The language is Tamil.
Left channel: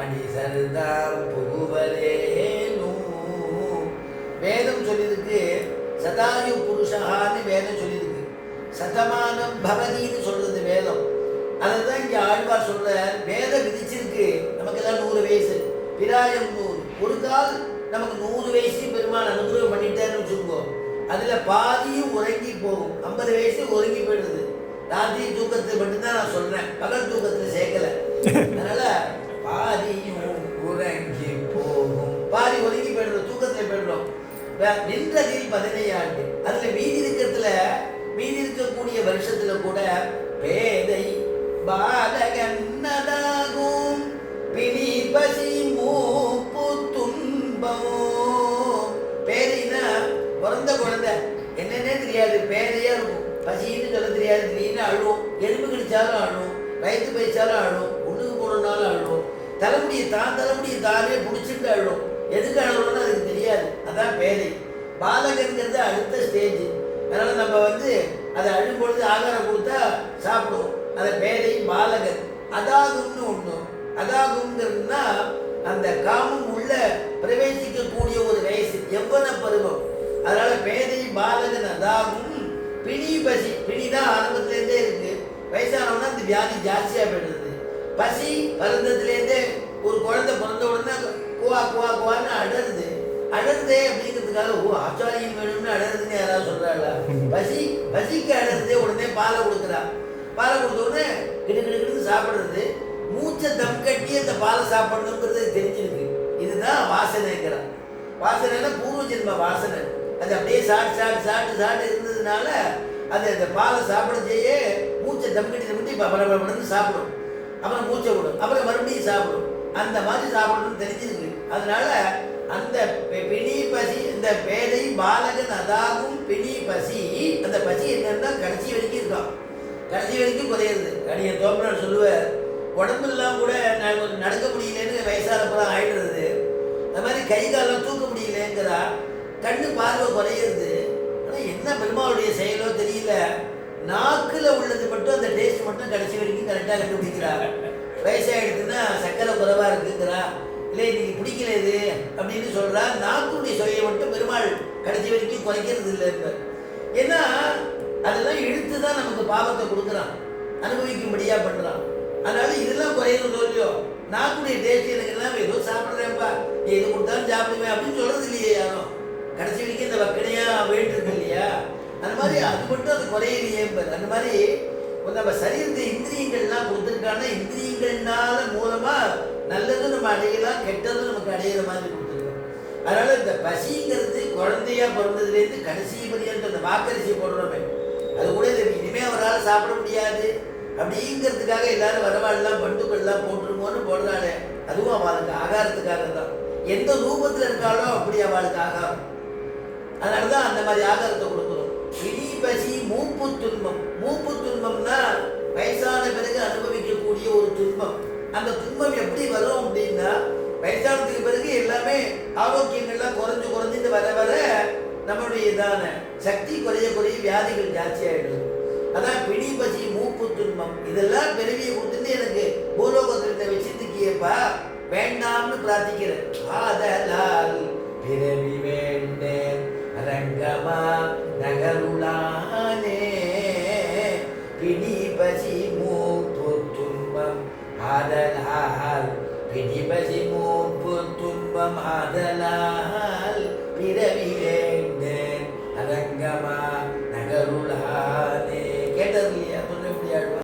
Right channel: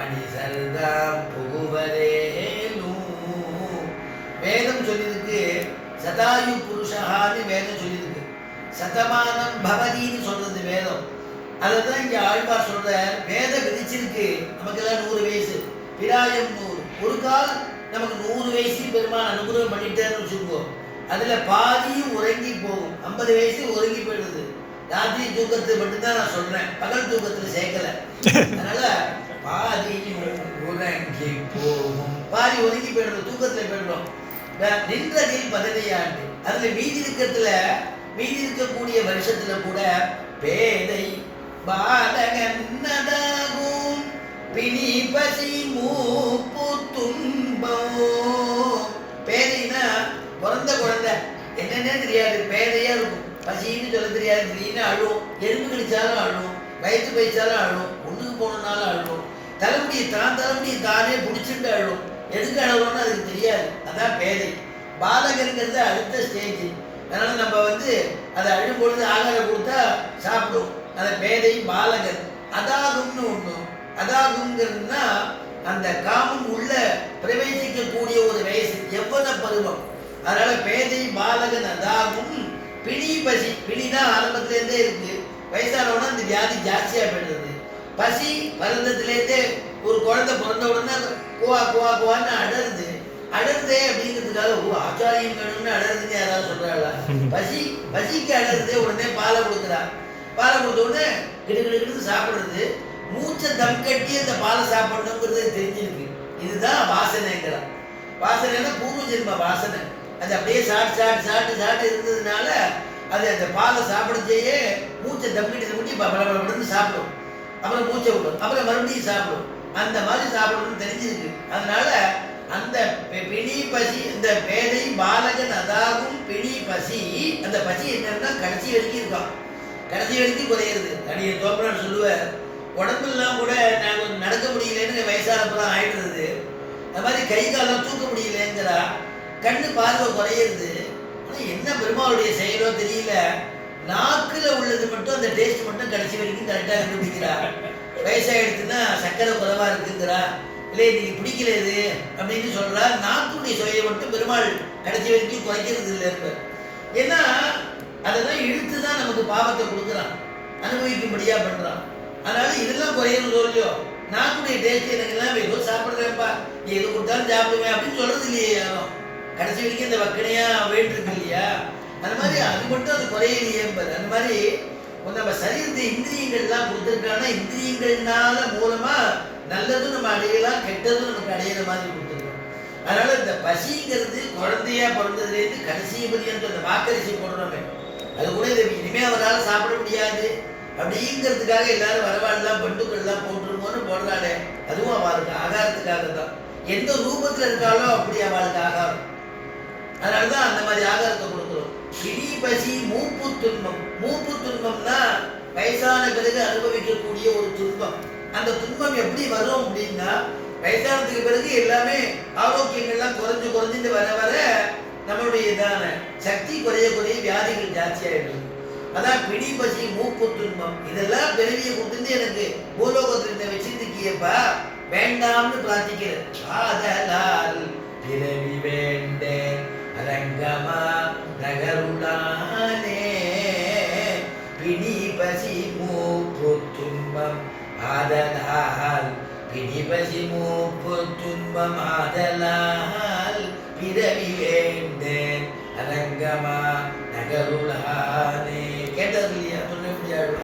மனிதர்தாம் புகுவரேனும் வேதம் சொல்லியிருக்கு சதாயு புருஷகான்னு வேதம் சொல்லியிருக்கு. சதமானம் பவதின்னு சொல்றது வேதம். அதுதான் இங்கே ஆழ்வார் சொல்ற வேதம் விதிச்சிருக்கு. நமக்கெல்லாம் நூறு வயசு. பிராயம் நூறு. ஒரு கால் நமக்கு நூறு வயசு பெருமான் அனுகிரகம் பண்ணிட்டேன்னு வச்சுக்கோ அதில் பாதியும் உறங்கி போகும். ஐம்பது வயசு உறங்கி போயிடுது. ராத்திரி தூக்கத்தை மட்டும்தான் நான் சொல்றேன். பகல் தூக்கத்தில் சேர்க்கல. நின்றதில் பதினையாண்டு அதுல மீதி இருக்கிறதுல மீதி இருக்கக்கூடிய வருஷத்துல கூட பேதை பாலகன் பிணி பசி மூப்பு துன்பம். பேதைனா பிறந்த குழந்தை. என்னன்னே தெரியாது பேதையா இருக்கும். பசின்னு சொல்ல தெரியாது. திடீர்னு அழுவும் எலும்பு கடிச்சாலும் அழுவும் வயிற்று பயிச்சாலும் அழுவும் ஒண்ணுக்கு போனதுனாலும் அழுவும் தலைமுடியை தான் தலைமுடியை தானே பிடிச்சிட்டு அழுவும் எதுக்கு அழுவுறோம்னு அதுக்கு தெரியாது. அதான் பேதை பாலகன்கிறது அடுத்த ஸ்டேஜ் அதனால் நம்ம வந்து அதை அழும் பொழுது ஆகாரம் கொடுத்தா சாப்பிடும் அதை பேதை பாலகன் அதாகும்னு ஒன்று அதாகுங்கிறதுனா அந்த காமம் உள்ள பிரவேசிக்கக்கூடிய ஒரு வயசு எவ்வன பருவம். அதனால பேதை பாலகன் அதாகும் பிணி பசி பிணி தான் ஆரம்பத்திலேருந்தே இருக்கு. வயசானவனா அந்த வியாதி ஜாஸ்தியாக போயிடுது. பசி பருந்தத்துலேருந்தே ஒரு குழந்தை பிறந்த உடனே குவா குவா குவான்னு அடருது அடருதே அப்படிங்கிறதுக்காக ஓ ஆச்சாரியம் வேணும்னு அடருதுன்னு யாராவது சொல்றாங்களா பசி பசிக்கு அடருதே உடனே பாலை கொடுக்குறா பாலை கொடுத்த உடனே கிடு கிடு கிடுன்னு மூச்சை தம் கட்டி அந்த பாலை சாப்பிடணுங்கிறது தெரிஞ்சிருக்கு இதுதான் வாசனைங்கிறான் வாசனைனா பூர்வ ஜென்ம வாசனை அது அப்படியே சாப்பிட்டு சாப்பிட்டு சாப்பிட்டு சாப்பிட்டு இருந்ததுனால அது அந்த பாலை சாப்பிடச்சேயே மூச்சை தம் கட்டி தம் கட்டி பல சாப்பிடும் அப்புறம் மூச்சை விடும் அப்புறம் மறுபடியும் சாப்பிடும் அந்த மாதிரி சாப்பிடணும்னு தெரிஞ்சிருக்கு. அதனால அந்த பிணி பசி இந்த பேதை பாலகன் அதாகும் பிணி பசி அந்த பசி என்னன்னா கடைசி வரைக்கும் இருக்கான். கடைசி வரைக்கும் குறையிறது அடிய தோப்பனார் சொல்லுவார் உடம்பெல்லாம் கூட நான் கொஞ்சம் நடக்க முடியலன்னு வயசானப்புறம் ஆயிடுறது. அந்த மாதிரி கை காலம் தூக்க முடியலங்கிறா. கண்ணு பார்வை குறையிறது. ஆனால் என்ன பெருமாளுடைய செயலோ தெரியல. நாக்குல உள்ளது மட்டும் அந்த டேஸ்ட் மட்டும் கடைசி வரைக்கும் கரெக்டாக கண்டுபிடிக்கிறா வயசாயிடுச்சுன்னா சக்கரை குறைவா இருக்குங்கிறா. இல்லை இன்னைக்கு பிடிக்கல இது அப்படின்னு சொல்றா. நாக்குடைய சுவையை மட்டும் பெருமாள் கடைசி வரைக்கும் குறைக்கிறது இல்லை இருப்பார் ஏன்னா அதெல்லாம் இழுத்து தான் நமக்கு பாவத்தை கொடுக்குறான். அனுபவிக்கும்படியா பண்றான். அதனால இதெல்லாம் குறையணும் இல்லையோ? நாக்குடைய டேஸ்ட் எனக்கு எல்லாம் ஏதோ சாப்பிட்றேன்ப்பா. எது கொடுத்தாலும் சாப்பிடுவேன் அப்படின்னு சொல்றது இல்லையே யாரும். கடைசி வரைக்கும் இந்த வக்கனையா வேண்டியிருக்கு இல்லையா? அந்த மாதிரி அது மட்டும் அது குறையிலேயே என்பது அந்த மாதிரி நம்ம சரீரத்தை இந்திரியங்கள்லாம் கொடுத்துருக்காங்கன்னா இந்திரியங்கள்னால மூலமா நல்லதும் நம்ம அடையலாம் கெட்டதும் நமக்கு அடையிற மாதிரி கொடுத்துருக்கோம். அதனால இந்த பசிங்கிறது குழந்தையா பிறந்ததுலேருந்து கடைசி பரியন্ত அந்த வாக்கரிசி போடுறோமே அது கூட இதை இனிமே அவரால் சாப்பிட முடியாது. அப்படிங்கிறதுக்காக எல்லாரும் வரவாடெல்லாம் பண்டுக்கள்லாம் போட்டுருமோன்னு போடுறாளே அதுவும் அவளுக்கு ஆகாரத்துக்காக தான். எந்த ரூபத்தில் இருந்தாலும் அப்படி அவளுக்கு ஆகாரம். அதனாலதான் அந்த மாதிரி ஆகாரத்தை கொடுக்கும் இடி பசி மூப்பு துன்பம். மூப்பு துன்பம்னா வயசான பிறகு அனுபவிக்கக்கூடிய ஒரு துன்பம். அந்த துன்பம் எப்படி வரும் அப்படின்னா வயசானதுக்கு பிறகு எல்லாமே ஆரோக்கியங்கள்லாம் குறைஞ்சு குறைஞ்சிட்டு வர வர நம்மளுடைய இதான சக்தி குறைய குறைய வியாதிகள் ஜாஸ்தி ஆயிடுது. அதான் பிடி பசி மூப்பு துன்பம். இதெல்லாம் பிறவியை கொடுத்துட்டு எனக்கு பூலோகத்தில் இந்த வச்சிருக்கியப்பா வேண்டாம்னு பிரார்த்திக்கிறேன். அதை പിടിപശിമൂപ്പുത്തുമ്പം ആദലാൽ. പിടിപശിമൂപ്പുത്തുമ്പം ആദലാൽ. വേണ്ടേൻ അരംഗമാ